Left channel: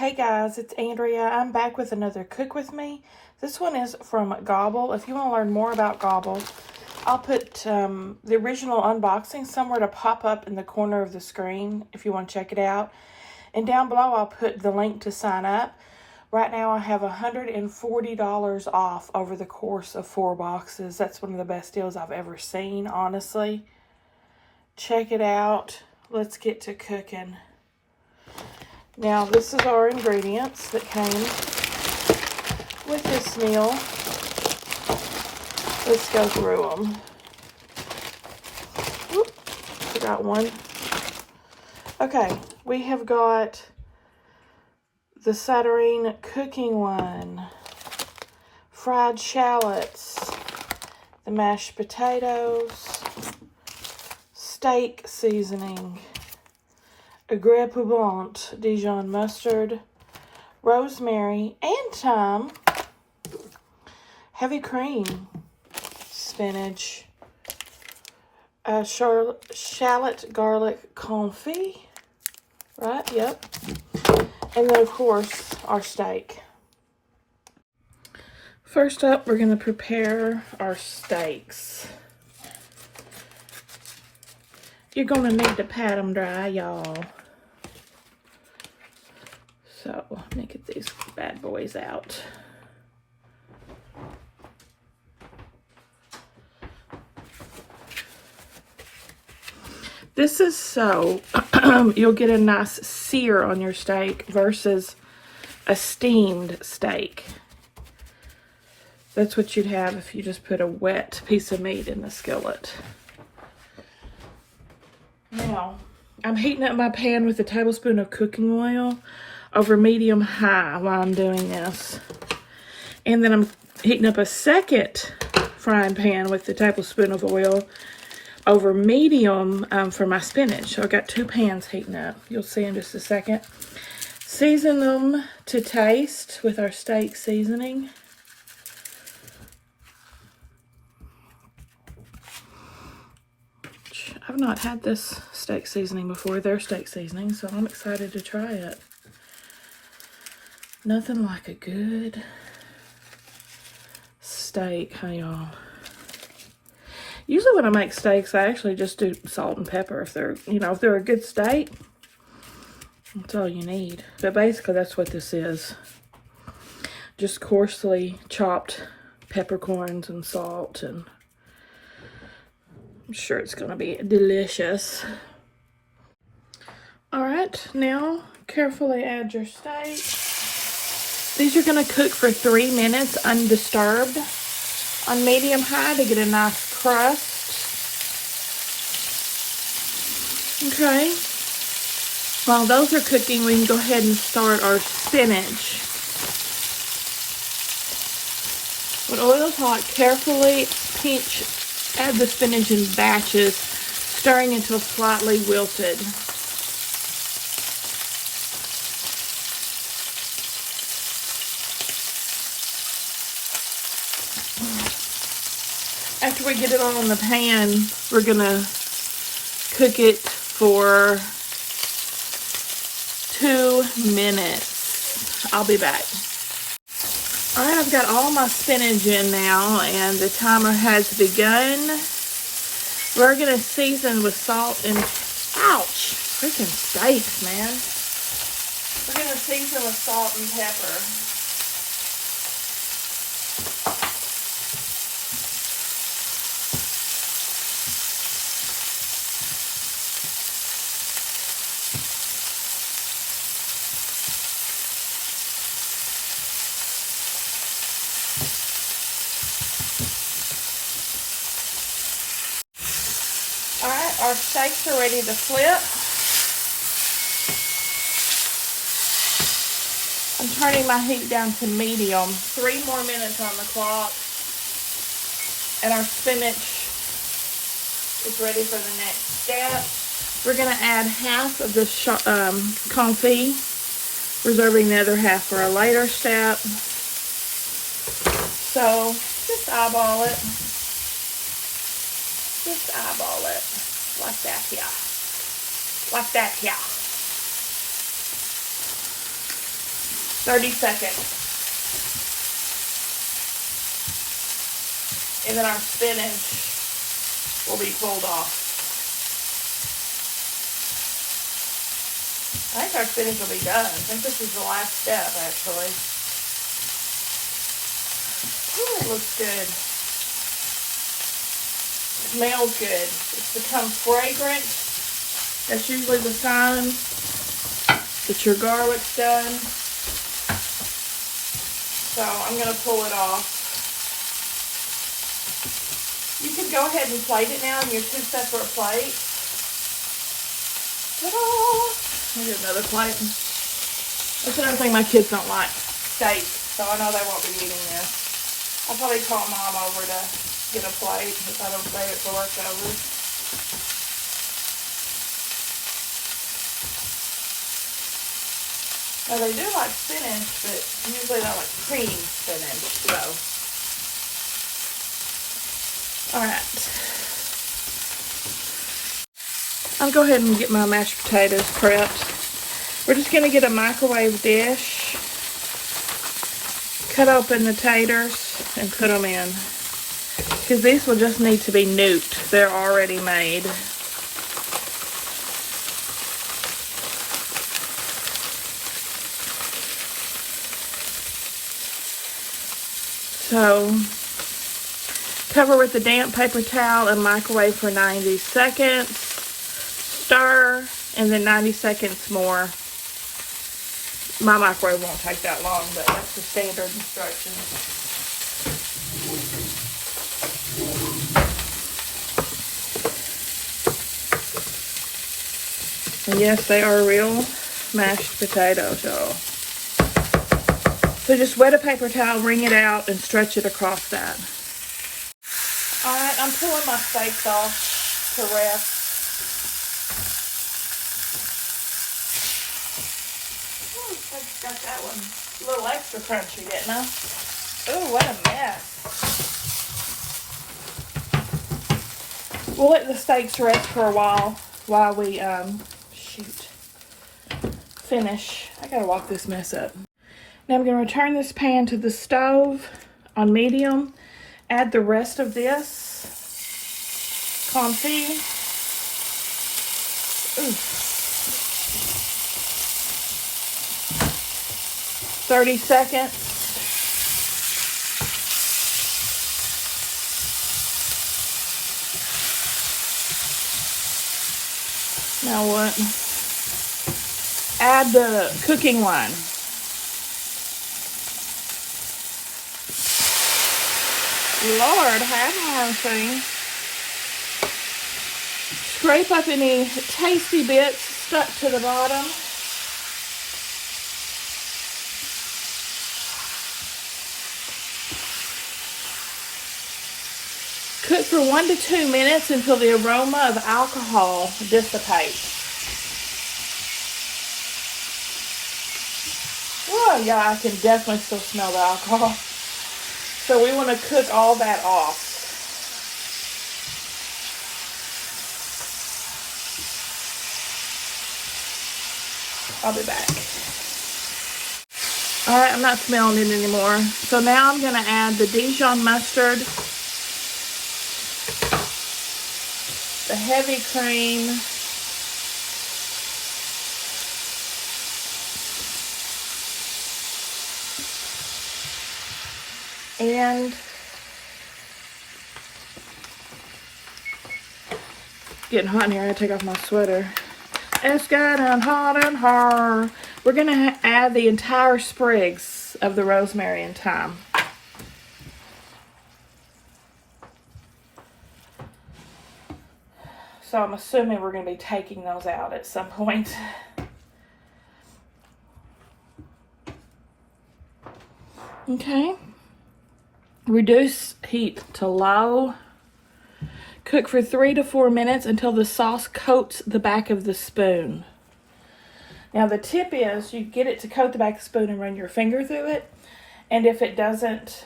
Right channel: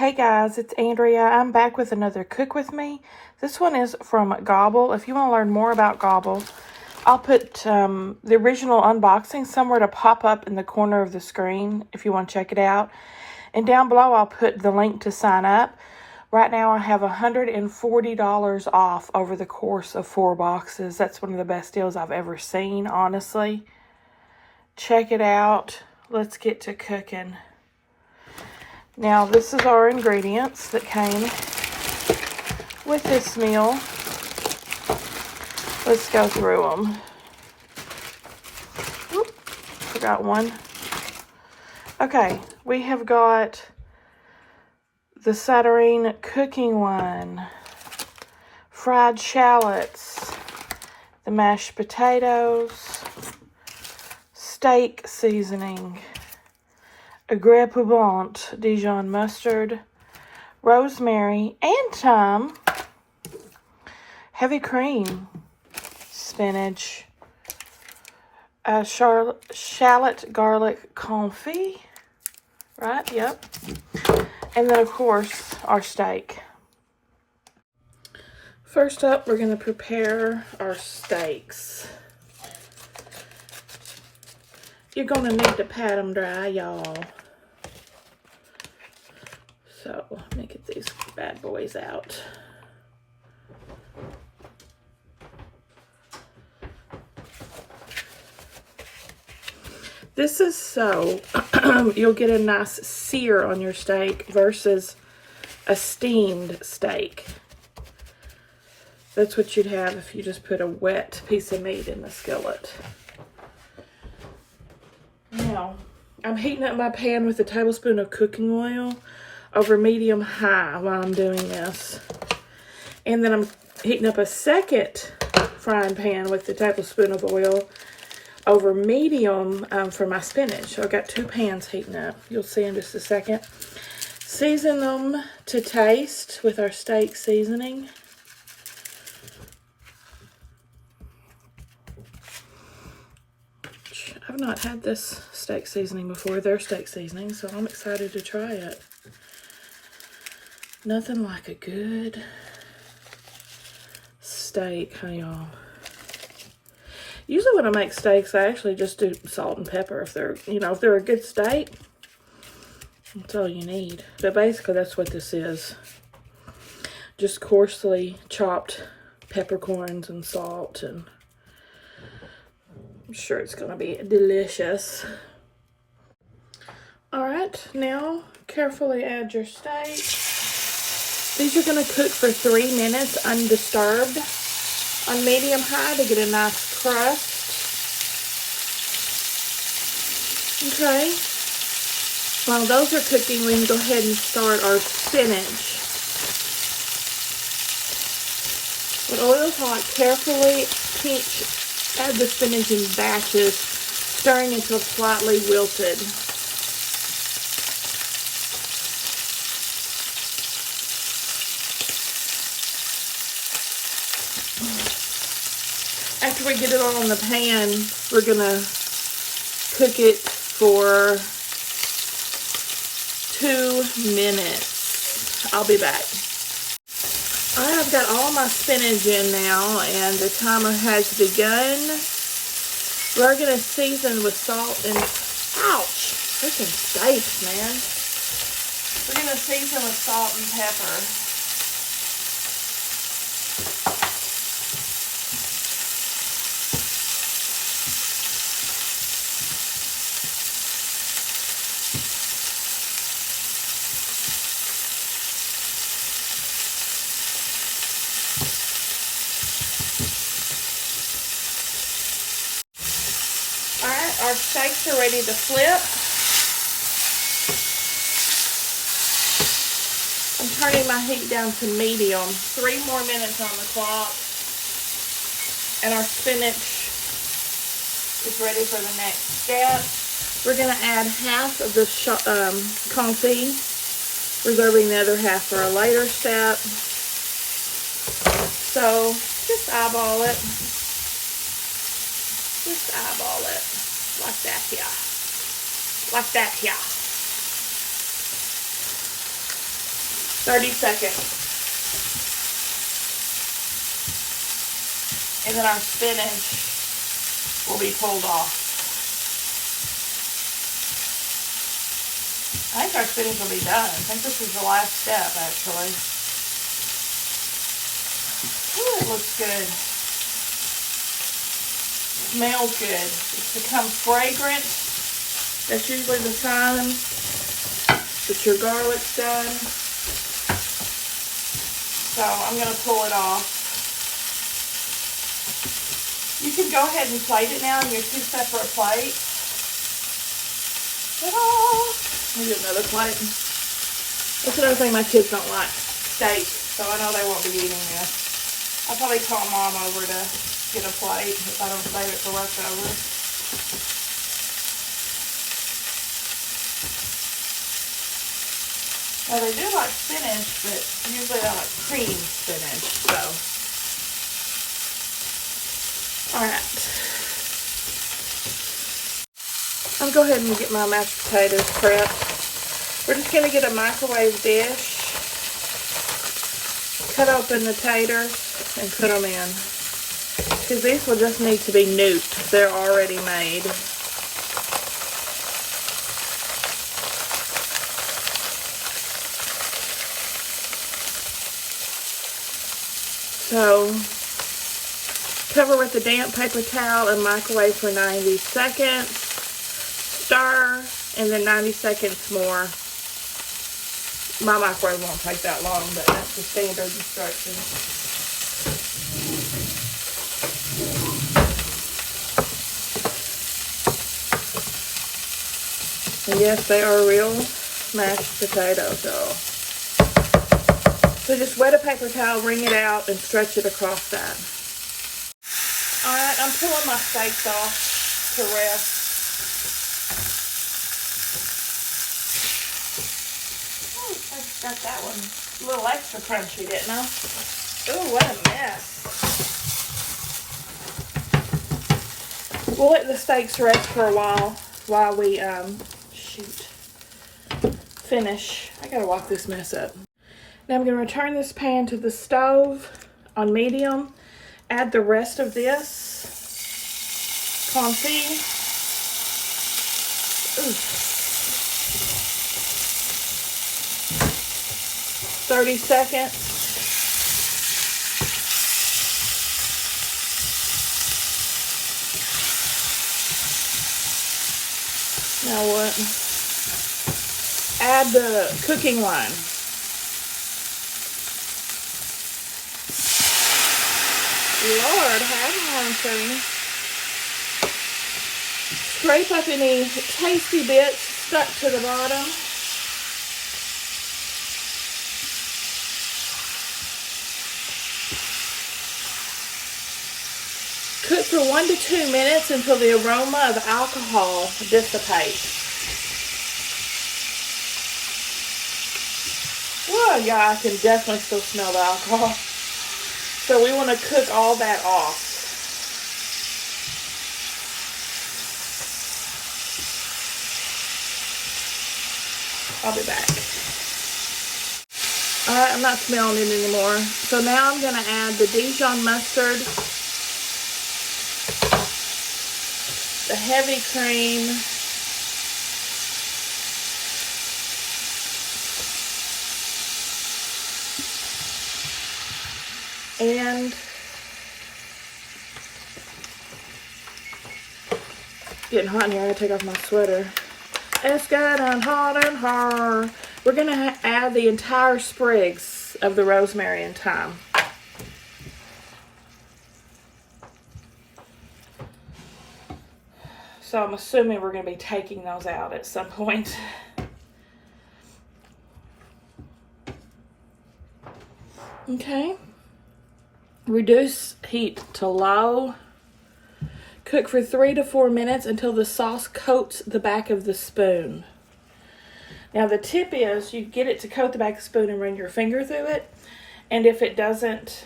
Hey guys, it's Andrea. I'm back with another Cook With Me. This one is from Gobble. If you want to learn more about Gobble, I'll put the original unboxing somewhere to pop up in the corner of the screen if you want to check it out. And down below, I'll put the link to sign up. Right now, I have $140 off over the course of 4 boxes. That's one of the best deals I've ever seen, honestly. Check it out. Let's get to cooking. Now, this is our ingredients that came with this meal. Let's go through them. Oop, forgot one. Okay, we have got the Saturnine cooking one, fried shallots, the mashed potatoes, steak seasoning, a Grès Pouvant Dijon mustard, rosemary and thyme, heavy cream, spinach, shallot garlic confit, right? Yep. And then, of course, our steak. First up, we're going to prepare our steaks. You're going to need to pat them dry, y'all. So, let me get these bad boys out. This is so you'll get a nice sear on your steak versus a steamed steak. That's what you'd have if you just put a wet piece of meat in the skillet. Now, I'm heating up my pan with a tablespoon of cooking oil over medium-high while I'm doing this. And then I'm heating up a second frying pan with a tablespoon of oil over medium for my spinach. I've got 2 pans heating up. You'll see in just a second. Season them to taste with our steak seasoning. I've not had this steak seasoning before, their steak seasoning, so I'm excited to try it. Nothing like a good steak, hey y'all. Usually when I make steaks, I actually just do salt and pepper. If they're, if they're a good steak, that's all you need. But basically that's what this is. Just coarsely chopped peppercorns and salt, and I'm sure it's gonna be delicious. All right, now carefully add your steak. These are gonna cook for 3 minutes undisturbed on medium-high to get a nice crust. Okay. While those are cooking, we can go ahead and start our spinach. When oil's hot, carefully add the spinach in batches, stirring until slightly wilted. After we get it on the pan, we're gonna cook it for 2 minutes. I'll be back. All right, I've got all my spinach in now, and the timer has begun. We're gonna season with salt and, ouch, freaking steaks, man. We're gonna season with salt and pepper. Alright, our steaks are ready to flip. I'm turning my heat down to medium. 3 more minutes on the clock. And our spinach is ready for the next step. We're going to add half of the confit, reserving the other half for a later step. So, just eyeball it. Just eyeball it like that here. Like that here. 30 seconds. And then our spinach will be pulled off. I think our spinach will be done. I think this is the last step, actually. Ooh, it looks good. Smells good. It's become fragrant. That's usually the sign that your garlic's done. So I'm going to pull it off. You can go ahead and plate it now in your 2 separate plates. Ta-da! Let me do another plate. That's another thing my kids don't like. Steak. So I know they won't be eating this. I'll probably call Mom over to get a plate if I don't save it for leftovers. Now they do like spinach, but usually I like cream spinach, so. Alright. I'll go ahead and get my mashed potatoes prepped. We're just going to get a microwave dish, cut open the taters, and put them in. Because these will just need to be nuked. They're already made. So, cover with a damp paper towel and microwave for 90 seconds. Stir, and then 90 seconds more. My microwave won't take that long, but that's the standard instructions. And yes, they are real mashed potatoes, y'all. So just wet a paper towel, wring it out, and stretch it across that. Alright, I'm pulling my steaks off to rest. Oh, I just got that one. A little extra crunchy, didn't I? Oh, what a mess. We'll let the steaks rest for a while we, finish. I gotta walk this mess up. Now I'm going to return this pan to the stove on medium. Add the rest of this confit. 30 seconds. Now what? Add the cooking wine. Lord, have mercy. Scrape up any tasty bits stuck to the bottom. Cook for 1 to 2 minutes until the aroma of alcohol dissipates. Oh yeah, I can definitely still smell the alcohol. So we want to cook all that off. I'll be back. Alright, I'm not smelling it anymore. So now I'm going to add the Dijon mustard, the heavy cream, and getting hot in here. I gotta take off my sweater. It's getting hot and hard. We're gonna add the entire sprigs of the rosemary and thyme. So I'm assuming we're gonna be taking those out at some point. Okay. Reduce heat to low. Cook for 3 to 4 minutes until the sauce coats the back of the spoon. Now the tip is you get it to coat the back of the spoon and run your finger through it. And if it doesn't,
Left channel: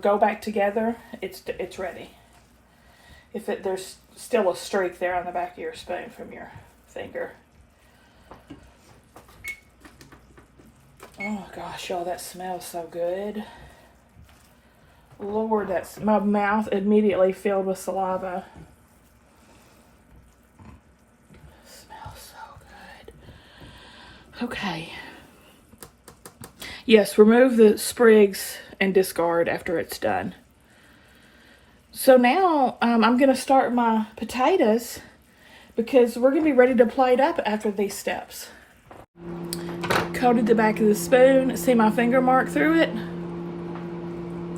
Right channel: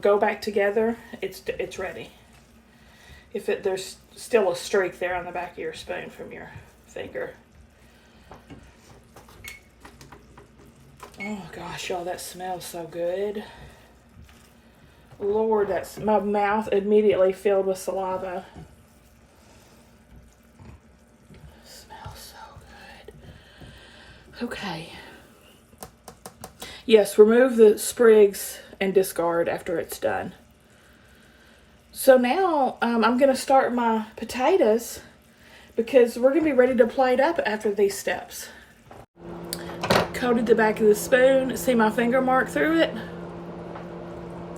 go back together, it's ready. If there's still a streak there on the back of your spoon from your finger. Oh gosh, y'all, that smells so good. Lord, my mouth immediately filled with saliva. It smells so good. Okay. Yes, remove the sprigs and discard after it's done. So now I'm going to start my potatoes because we're going to be ready to plate up after these steps. Coated the back of the spoon. See my finger mark through it?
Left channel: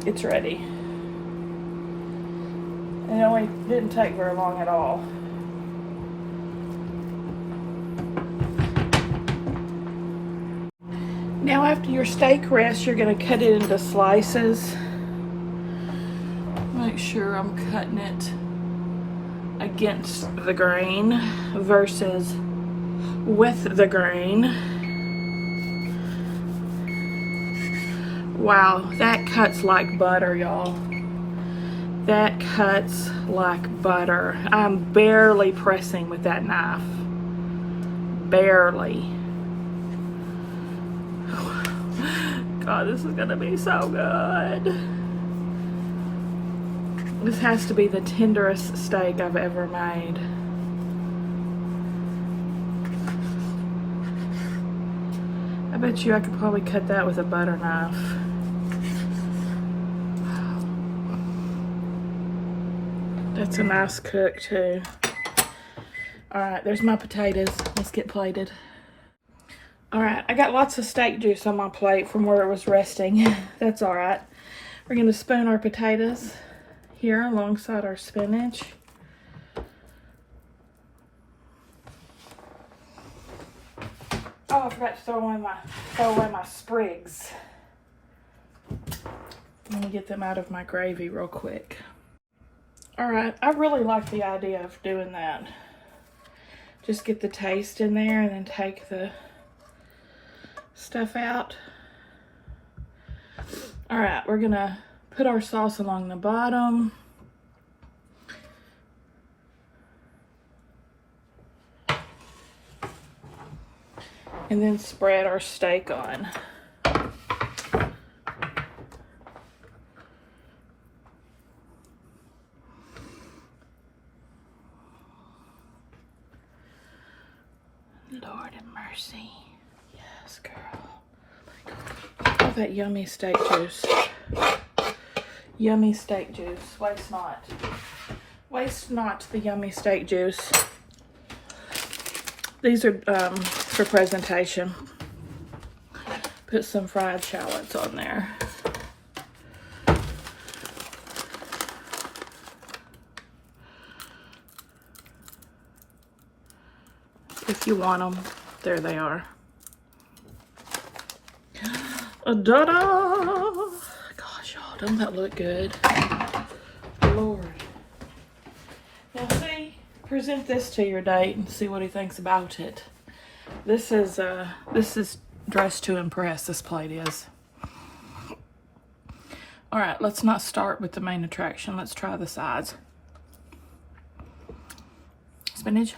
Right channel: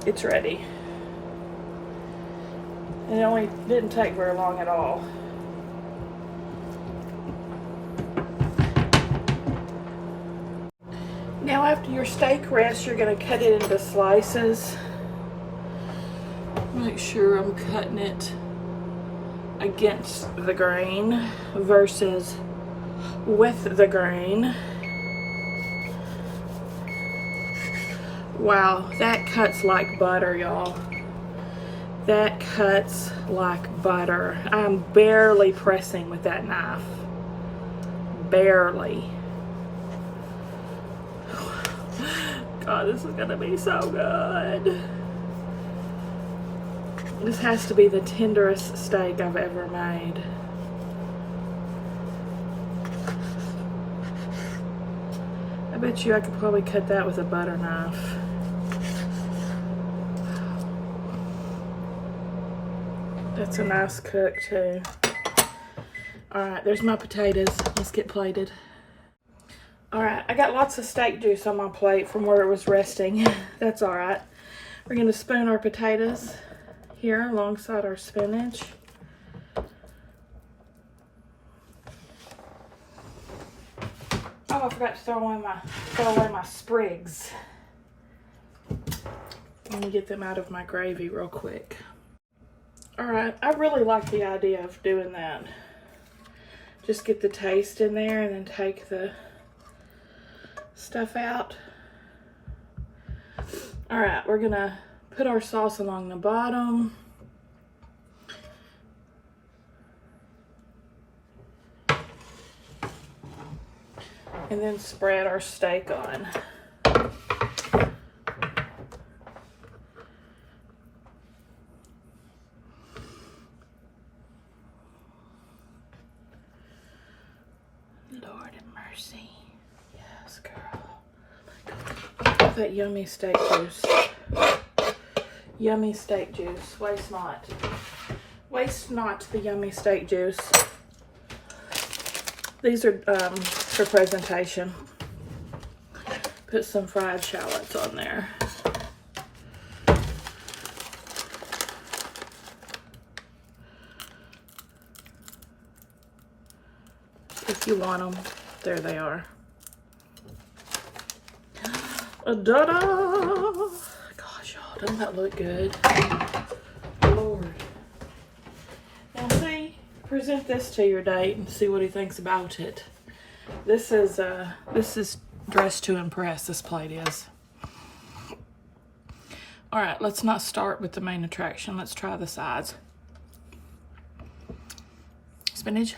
It's ready. It only didn't take very long at all. Now after your steak rests, you're going to cut it into slices. Make sure I'm cutting it against the grain versus with the grain. Wow, that cuts like butter, y'all. That cuts like butter. I'm barely pressing with that knife. Barely. God, this is gonna be so good. This has to be the tenderest steak I've ever made. I bet you I could probably cut that with a butter knife. That's a nice cook too. All right, there's my potatoes. Let's get plated. All right, I got lots of steak juice on my plate from where it was resting. That's all right. We're gonna spoon our potatoes here alongside our spinach. Oh, I forgot to throw away my sprigs. Let me get them out of my gravy real quick. All right, I really like the idea of doing that. Just get the taste in there and then take the stuff out. All right, we're gonna put our sauce along the bottom. And then spread our steak on. Lord have mercy. Yes, girl. That yummy steak juice. Yummy steak juice. Waste not. Waste not the yummy steak juice. These are for presentation. Put some fried shallots on there. If you want them, there they are. Da-da! Gosh, y'all, doesn't that look good? Lord. Now see, present this to your date and see what he thinks about it. This is dressed to impress, this plate is. All right, let's not start with the main attraction. Let's try the sides. Spinach.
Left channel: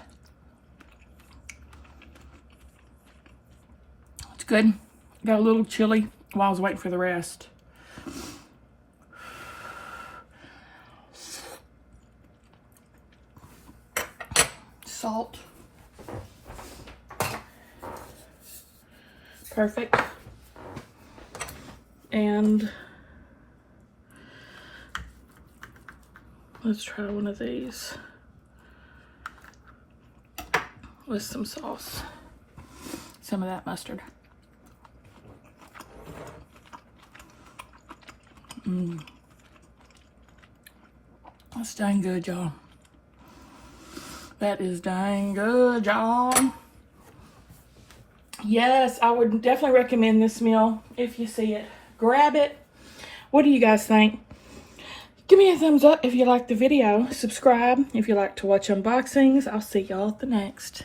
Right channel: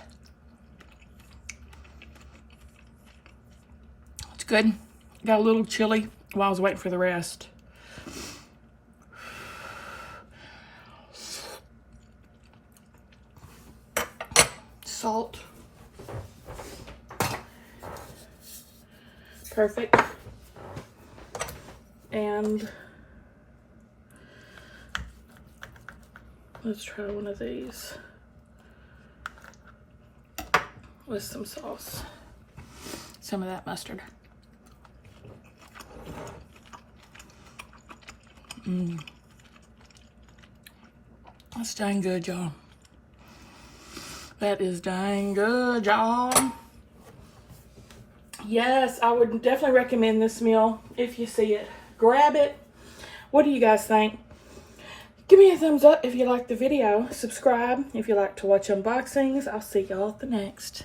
It's good. Got a little chili while I was waiting for the rest. Salt. Perfect. And let's try one of these with some sauce. Some of that mustard. That's dang good, y'all. That is dang good, y'all. Yes, I would definitely recommend this meal if you see it. Grab it. What do you guys think? Give me a thumbs up if you liked the video. Subscribe if you like to watch unboxings. I'll see y'all at the next.